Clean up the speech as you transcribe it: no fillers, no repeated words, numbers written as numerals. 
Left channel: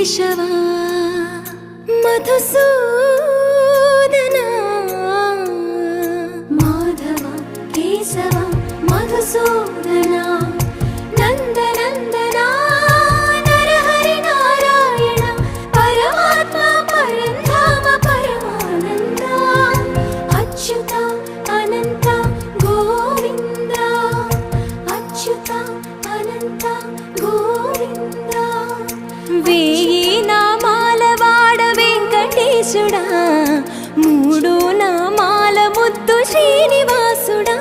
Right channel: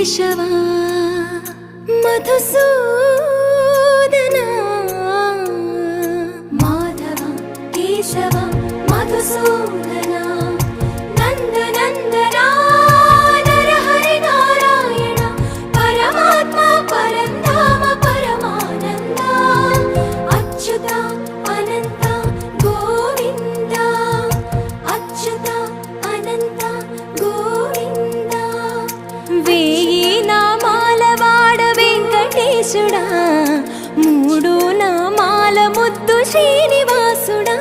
కేశవా మధుసూదనా మాధవ కేశవ మధుసూదనా నందనందనా నరహరి నారాయణ పరమాత్మ పరంధామ పరమానంద అచ్యుత అనంత గోవింద అచ్యుత అనంత గోవింద వేయి నామాల వాడ వెంకటేశుడా మూడు నామాల ముద్దు శ్రీనివాసుడా